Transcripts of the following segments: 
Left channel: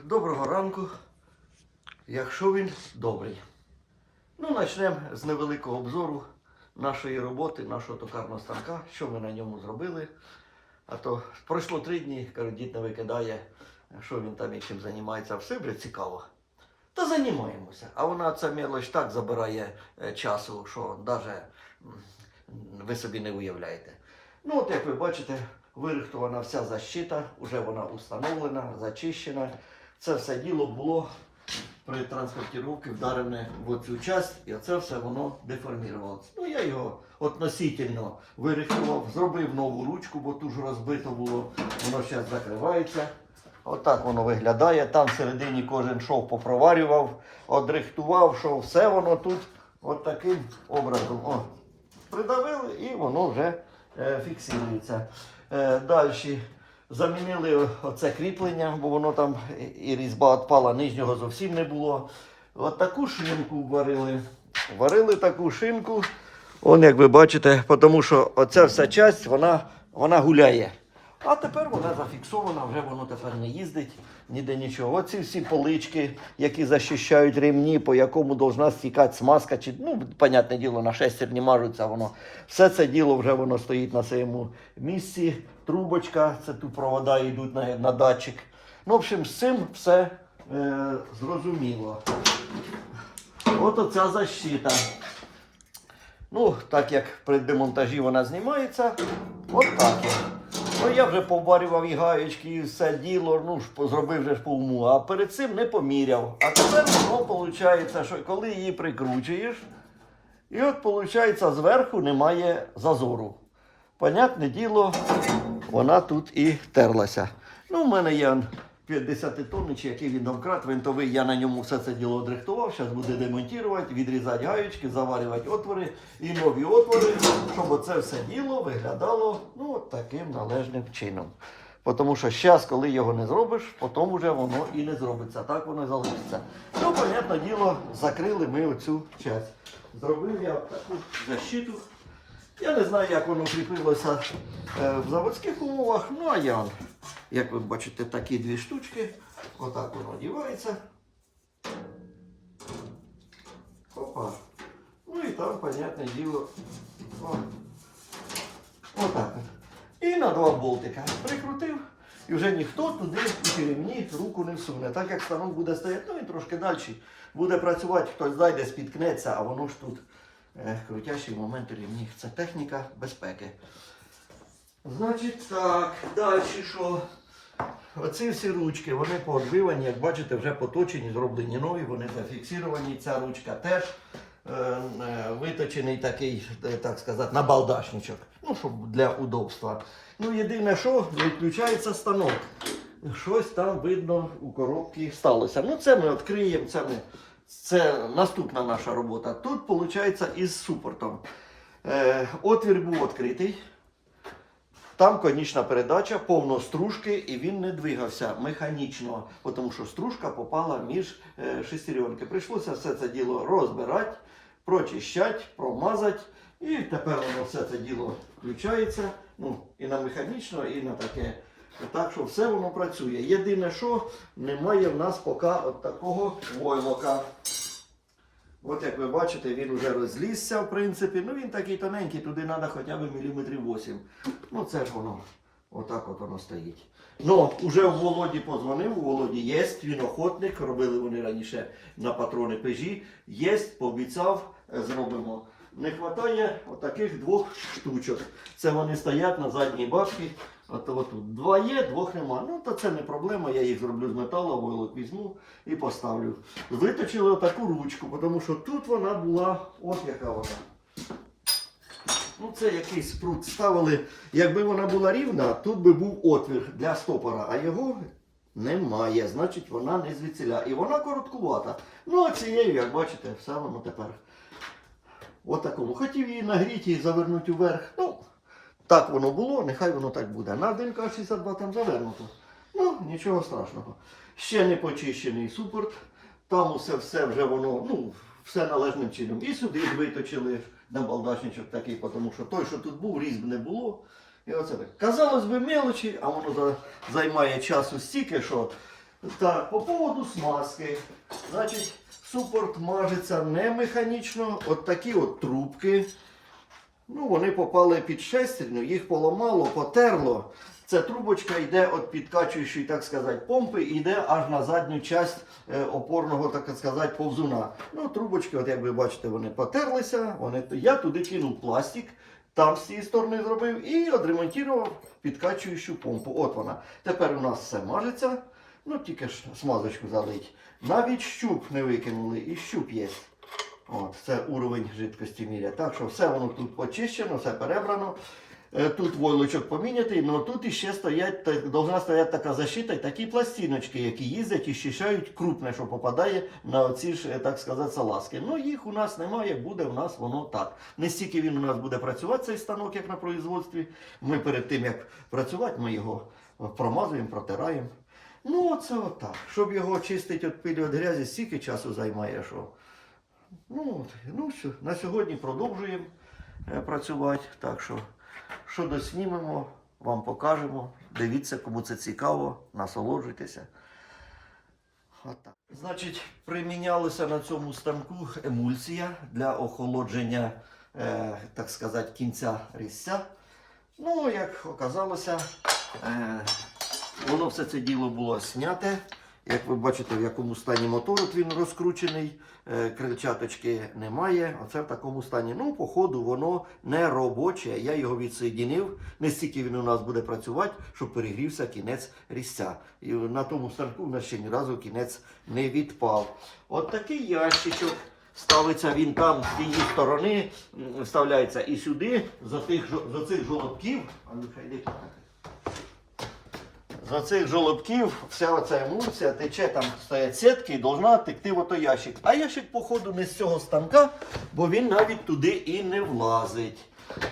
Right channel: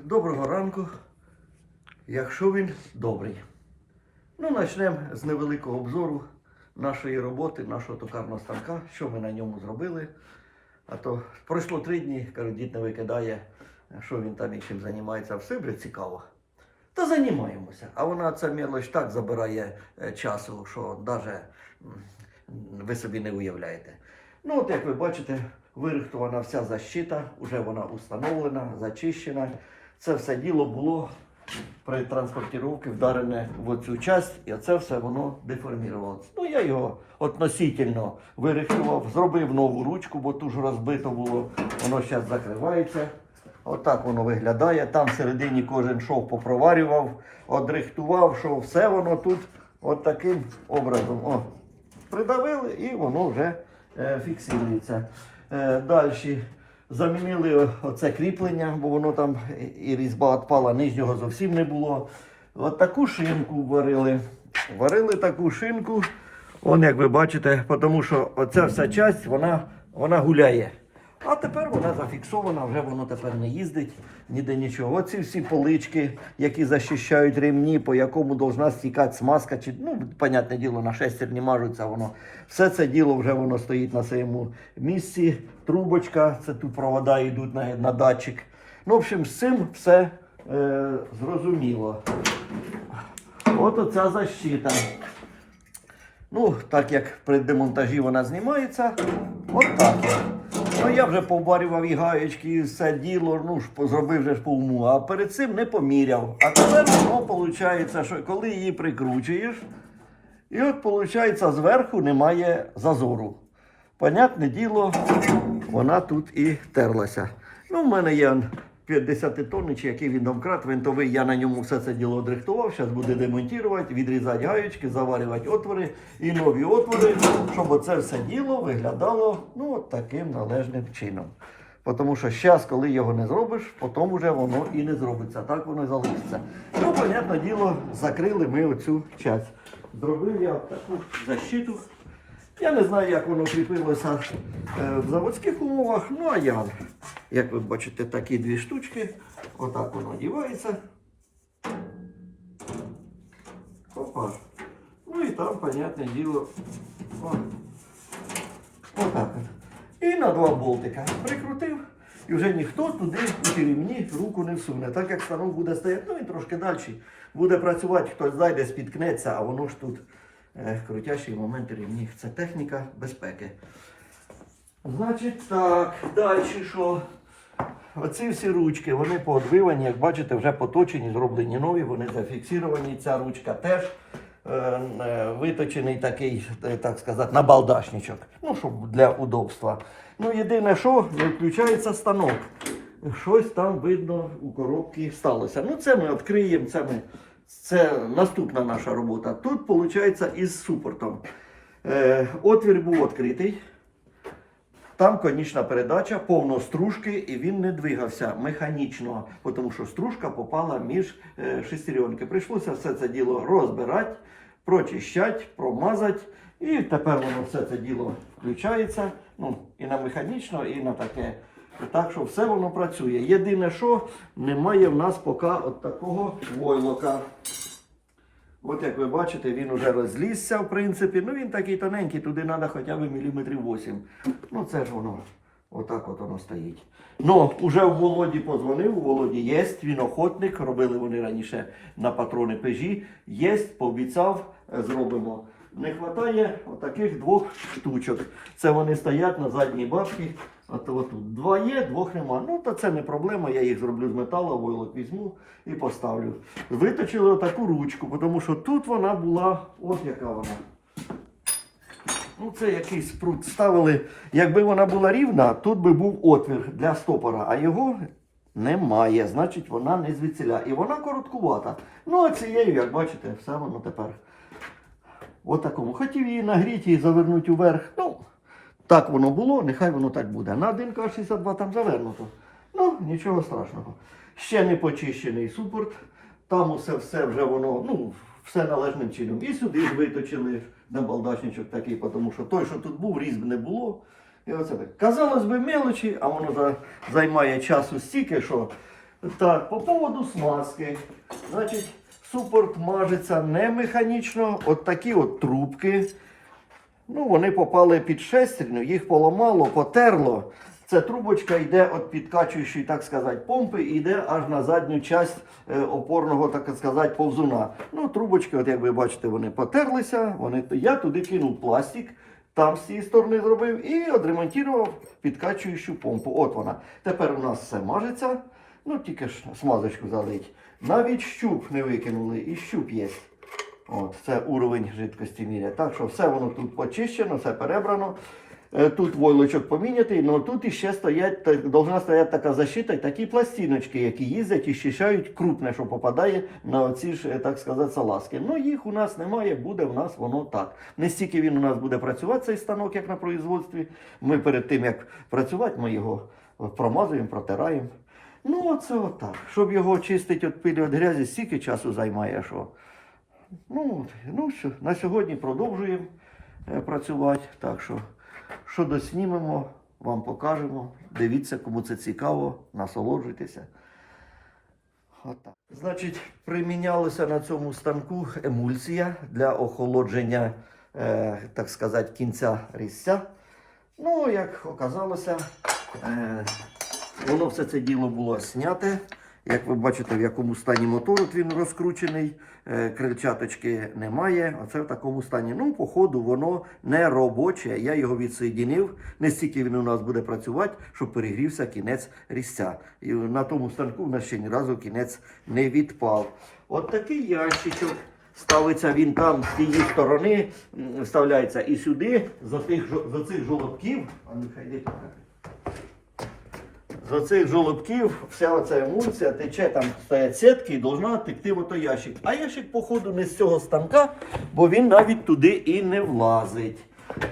Доброго ранку, якщо він добрий. Ну, почнемо з невеликого обзору нашої роботи, нашого токарного станка, що ми на ньому зробили. А то пройшло три дні, кажу, дід не викидає, що він там чим займається. Все буде цікаво. Та займаємося. А вона ця мелоч так забирає е, часу, що навіть ви собі не уявляєте. Ну, от як ви бачите, вирихтована вся защита, вже вона установлена, зачищена. Це все діло було при транспортировці вдарене в цю часть, і це все воно деформувалося. Ну, я його относительно вирихтував, зробив нову ручку, бо тут ж розбито було, воно зараз закривається. Отак воно виглядає. Там всередині кожен шов попроварював, одрихтував, що все воно тут от таким образом. О, придавили і воно вже е, фіксується. Е, Далі замінили оце кріплення, бо воно там і- різьба відпала, нижнього зовсім не було. От таку шинку варили. Варили таку шинку. Он, як ви бачите, тому що оця вся часть вона, вона гуляє. А тепер вона зафіксована, вже воно тепер не їздить, ніде нічого. Оці всі полички, які захищають ремні, по якому должна стікати смазка, чи, ну, понятне діло, на шестерні мажуться воно. Все це діло вже воно стоїть на своєму місці. Трубочка, це тут провода йдуть на, на датчик. Ну, в общем, з цим все е, зрозуміло. От оця защита. Ну, так як при демонтажі вона знімається, от так. Ну, я вже поварював і гаєчки, і все діло, ну, ж зробив вже по уму, а перед цим не поміряв. А тепер воно виходить, що коли її прикручуєш, і от виходить, зверху немає зазору. Понятне діло, вона тут і терлася. Ну, в мене є 50 тонн, чи який він домкрат, винтовий, я на ньому все це діло одрихтував. Зараз буде демонтувати, відрізати гаючки, заварювати отвори і нові отвори, щоб оце все діло виглядало ну, таким належним чином. Тому що зараз, коли його не зробиш, потім вже воно і не зробиться. Так воно і залишиться. Ну, понятне діло, закрили ми оцю часть. Зробив я таку защиту. Я не знаю, як воно кріпилося е, в заводських умовах, ну а я, як ви бачите, такі дві штучки. Отак воно дівається. Опа. Ну і там, понятне діло. Отак. І на два болтика прикрутив. І вже ніхто туди у ремні руку не всуне. Так як станок буде стояти, ну і трошки далі буде працювати, хтось зайде, спіткнеться, а воно ж тут крутящий момент ремні. Це техніка безпеки. Значить так, далі що? Оці всі ручки, вони поодбивані, як бачите, вже поточені, зроблені нові, вони зафіксовані. Ця ручка теж е, е, виточений такий, е, так сказати, набалдашничок. Ну, щоб для удобства. Ну, єдине, що не включається станок. Щось там видно у коробці сталося. Ну, це ми відкриємо, це ми. Це наступна наша робота. Тут, виходить, із супортом. Е, отвір був відкритий. Там конічна передача, повно стружки, і він не двигався механічно, тому що стружка попала між е, шестеренки. Прийшлося все це діло розбирати, прочищати, промазати. І тепер воно все це діло включається. Ну, і на механічно, і на таке. Так що все воно працює. Єдине, що немає в нас поки от такого войлока. От як ви бачите, він вже розлізся, в принципі. Ну він такий тоненький, туди треба хоча б міліметрів 8. Ну це ж воно. Отак от воно стоїть. Ну, уже в Володі позвонив, у Володі є, він охотник, робили вони раніше на патрони пежі. Є, пообіцяв, е, зробимо. Не вистачає отаких двох штучок. Це вони стоять на задній башні. От, от тут два є, двох нема. Ну, то це не проблема, я їх зроблю з металу, войлок візьму і поставлю. Виточили отаку ручку, тому що тут вона була, от яка вона. Ну, це якийсь спрут ставили. Якби вона була рівна, тут би був отвір для стопора, а його немає. Значить, вона не звідсіля. І вона короткувата. Ну, а цією, як бачите, все воно тепер. От. Хотів її нагріти і завернути вверх. Ну, так воно було, нехай воно так буде. На 1К62 там завернуто. Ну, нічого страшного. Ще не почищений супорт. Там усе все вже воно, ну, все належним чином. І сюди виточили на такий, тому що той, що тут був, різьб не було. І оце так. Казалось би, мелочі, а воно за- займає часу стільки, що Так, по поводу смазки. Значить, супорт мажеться не механічно. От такі от трубки. Ну, вони попали під шестерню, їх поламало, потерло. Ця трубочка йде від підкачуючої, так сказати, помпи і йде аж на задню часть е, опорного, так сказати, повзуна. Ну, трубочки, от як ви бачите, вони потерлися. Вони... Я туди кинув пластик, там з цієї сторони зробив і відремонтував підкачуючу помпу. От вона. Тепер у нас все мажеться. Ну, тільки ж смазочку залить. Навіть щуп не викинули, і щуп є. От, це уровень жидкості міряє. Так що все воно тут почищено, все перебрано. Е, Тут войлочок помінятий, але тут іще стоять, та- должна стояти така защита, такі пластиночки, які їздять і щищають крупне, що попадає на оці ж, е, так сказати, салазки. Ну їх у нас немає, буде у нас воно так. Не стільки він у нас буде працювати, цей станок, як на производстві. Ми перед тим, як працювати, ми його промазуємо, протираємо. Ну, оце отак. Щоб його чистити від пилі від грязі, стільки часу займає, що. Ну, ну що, на сьогодні продовжуємо е, працювати. Так що, що доснімемо, вам покажемо. Дивіться, кому це цікаво, насолоджуйтеся. Отак. Значить, примінялася на цьому станку емульсія для охолодження, е, так сказати, кінця різця. Ну, як оказалося, е, воно все це діло було зняте. Як ви бачите, в якому стані мотор от він розкручений, е, крильчаточки немає. Оце в такому стані. Ну, по ходу воно не робоче. Я його відсоєдинив. Не стільки він у нас буде працювати, щоб перегрівся кінець різця. І на тому станку в нас ще ні разу кінець не відпав. От такий ящичок. Ставиться він там з тієї сторони, вставляється і сюди, за тих за цих жолобків. А ну, хай. З оцих жолобків вся оця емульсія тече, там стоять сітки і должна текти в ото ящик. А ящик, походу, не з цього станка, бо він навіть туди і не влазить.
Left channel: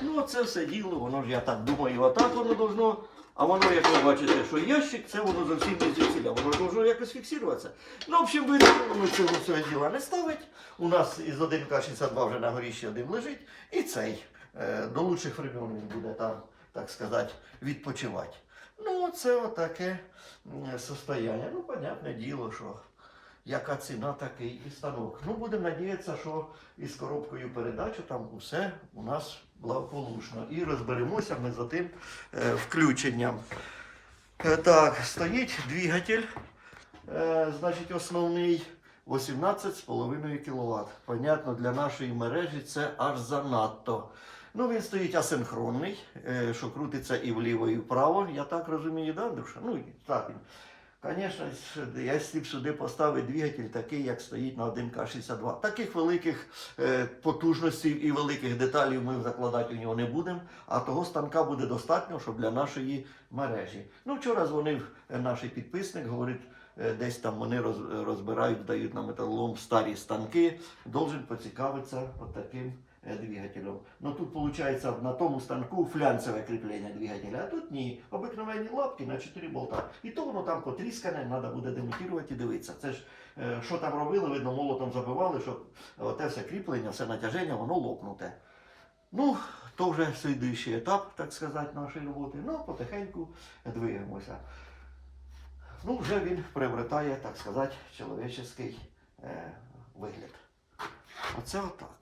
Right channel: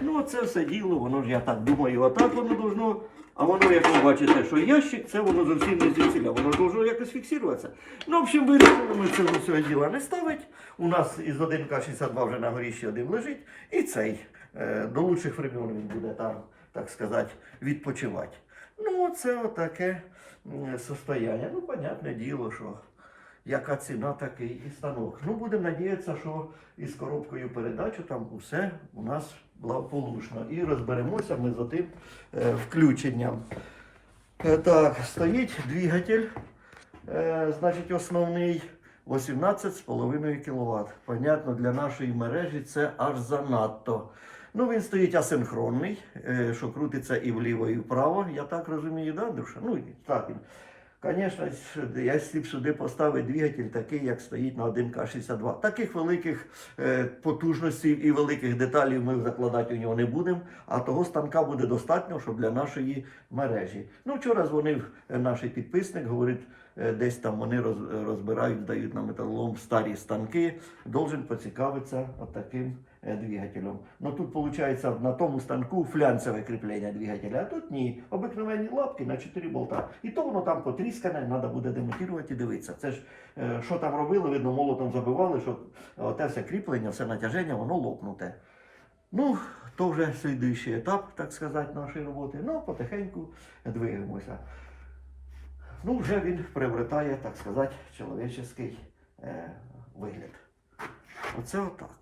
Ну, це все діло, воно ж, я так думаю, отак воно должно. А воно, як ви бачите, що ящик, це воно зовсім не звідсіля, воно должно якось фіксуватися. Ну, в общем, вирішили ми цього всього діла не ставить. У нас із 1К62 вже на горі ще один лежить. І цей е, до лучших времен він буде там, так сказати, відпочивати. Ну, це отаке состояння. Ну, понятне діло, що яка ціна, такий і станок. Ну, будемо надіятися, що із коробкою передачу там усе у нас благополучно. І розберемося ми за тим е, включенням. Е, так, стоїть двигатель, е, значить, основний 18,5 кВт. Понятно, для нашої мережі це аж занадто. Ну, він стоїть асинхронний, е, що крутиться і вліво, і вправо. Я так розумію, да, Душа? Ну, так він. Звісно, якщо б сюди поставити двигатель такий, як стоїть на 1К62. Таких великих е, потужностей і великих деталей ми закладати у нього не будемо, а того станка буде достатньо, щоб для нашої мережі. Ну, вчора дзвонив е, наш підписник, говорить, десь там вони розбирають, дають на металолом старі станки. Должен поцікавитися таким е, двигателем. Ну тут виходить на тому станку флянцеве кріплення двигателя, а тут ні. Обикновенні лапки на 4 болта. І то воно там потріскане, треба буде демонтувати і дивитися. Це ж е, що там робили, видно, молотом забивали, щоб е, те все кріплення, все натяження, воно лопнуте. Ну, то вже слідуючий етап, так сказати, нашої роботи. Ну, потихеньку двигаємося. Ну, вже він приобретає, так сказати, чоловічий е, вигляд. Оце отак.